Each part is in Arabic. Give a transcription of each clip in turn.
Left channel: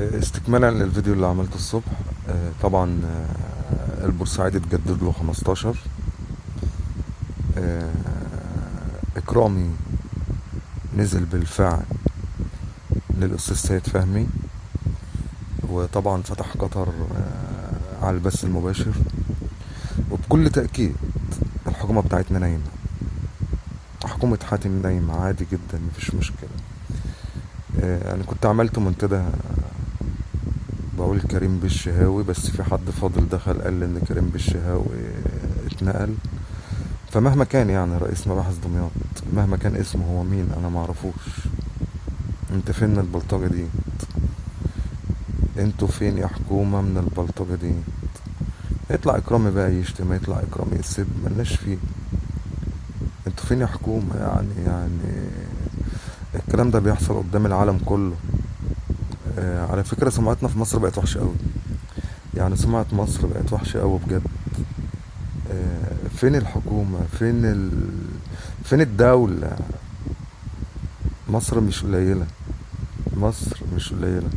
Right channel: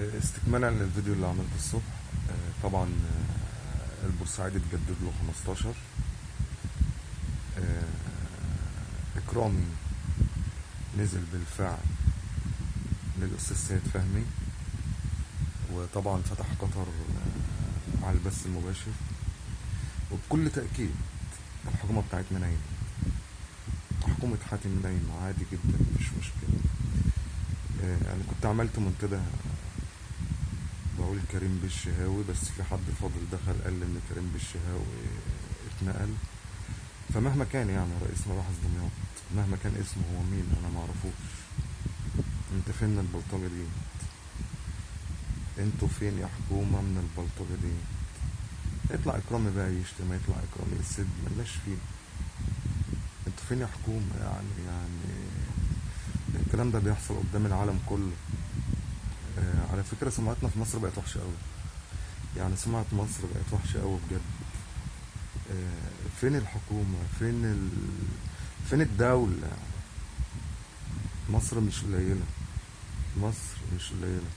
استكمالا للفيديو اللي عملته الصبح. طبعا البورسعيدي اتجدد له 15. إكرامي نزل بالفعل للأستاذ سيد فهمي، وطبعا فتح قطر على البث المباشر. وبكل تأكيد الحكومة بتاعتنا نايمة، حكومة حاتم نايمة عادي جدا، مفيش مشكلة. أنا كنت عملت منتدى بقول كريم بالشهاوي، بس في حد فاضل دخل قال ان كريم بالشهاوي اتنقل. فمهما كان يعني رئيس مباحث دمياط، مهما كان اسمه هو مين انا معرفوش. انت فين البلطجة دي؟ انتوا فين يا حكومة من البلطجة دي؟ يطلع اكرامي بقى يشتم، يطلع اكرامي يسب، ملناش فيه. انتوا فين يا حكومة؟ يعني الكلام ده بيحصل قدام العالم كله. على فكرة سمعتنا في مصر بقت وحشة قوي، يعني سمعة مصر بقت وحشة قوي بجد. فين الحكومة؟ فين الدولة؟ مصر مش قليلة، مصر مش قليلة،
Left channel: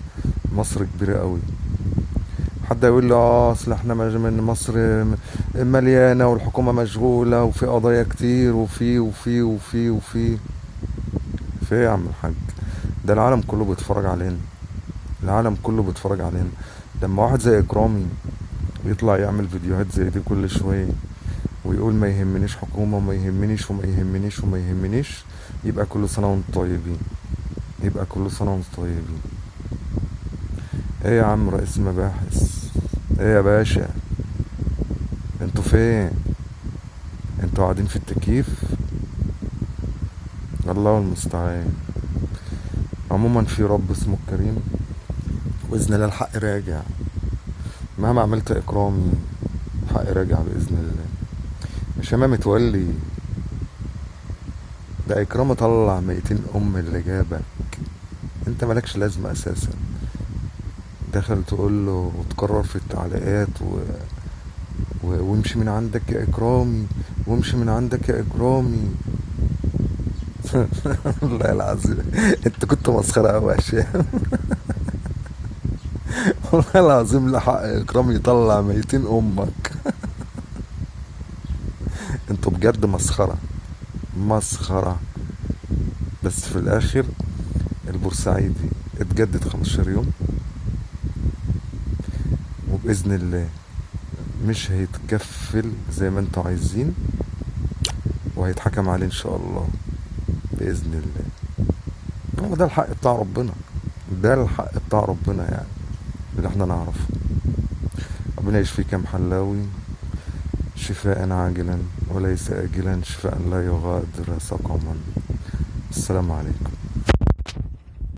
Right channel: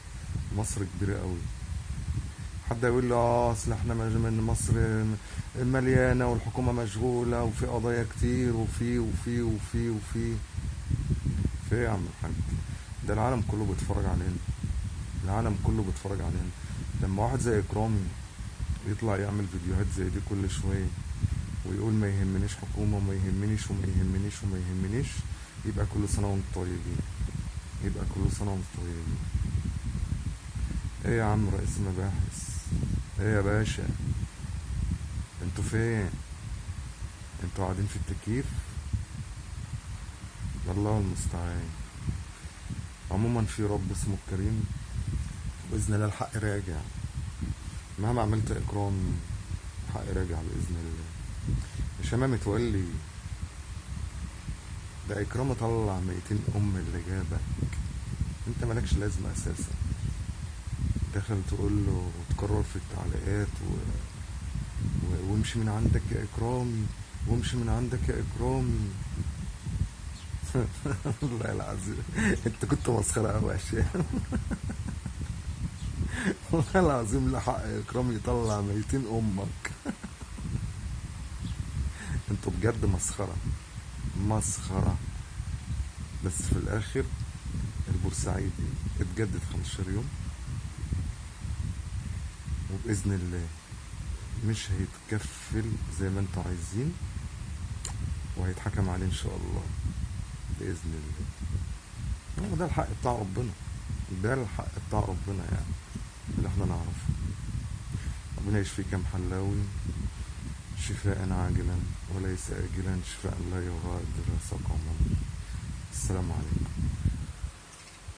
مصر كبيرة قوي. حد يقول لي اصل احنا من مصر مليانة والحكومة مشغولة وفي قضايا كتير وفي في إيه يا عم الحاج؟ ده العالم كله بيتفرج علينا، العالم كله بيتفرج علينا. لما واحد زي اكرامي يطلع يعمل فيديوهات زي دي كل شوية ويقول ما يهمنيش حكومة وما يهمنيش وما يهمنيش وما يهمنيش، يبقى كل سنة وانتم طيبين، يبقى كل سنة وانتم طيبين. ايه يا عم رئيس المباحث؟ ايه يا باشا؟ انتوا فين؟ انتوا قاعدين في التكييف؟ الله المستعان. عموما في رب اسمه الكريم، بإذن الله الحق راجع. مهما عملت إكرامي الحق راجع بإذن الله. مش أنا متولي ده إكرام طلع 200 اللي جابك، انت مالكش لازمة اساسا. دخل تقول له وتكرر في التعليقات وامشي من عندك يا اكرامي، وامشي من عندك يا اكرامي. والله العظيم انت كنت مسخرة قوي يا شيخ. والله العظيم لحق اكرامي يطلع 200 امك. انتوا بجد مسخرة، مسخرة. بس في الاخر البورسعيدي اتجدد 15 يوم، وبإذن الله مش هيتكفل زي ما انتوا عايزين، وهيتحكم عليه ان شاء الله بإذن الله. ده الحق بتاع ربنا، ده الحق بتاع ربنا يعني اللي احنا نعرفه. ربنا يشفيك يا محلاوي شفاء عاجلا وليس آجلا، شفاء لا يغادر سقما. السلام عليكم.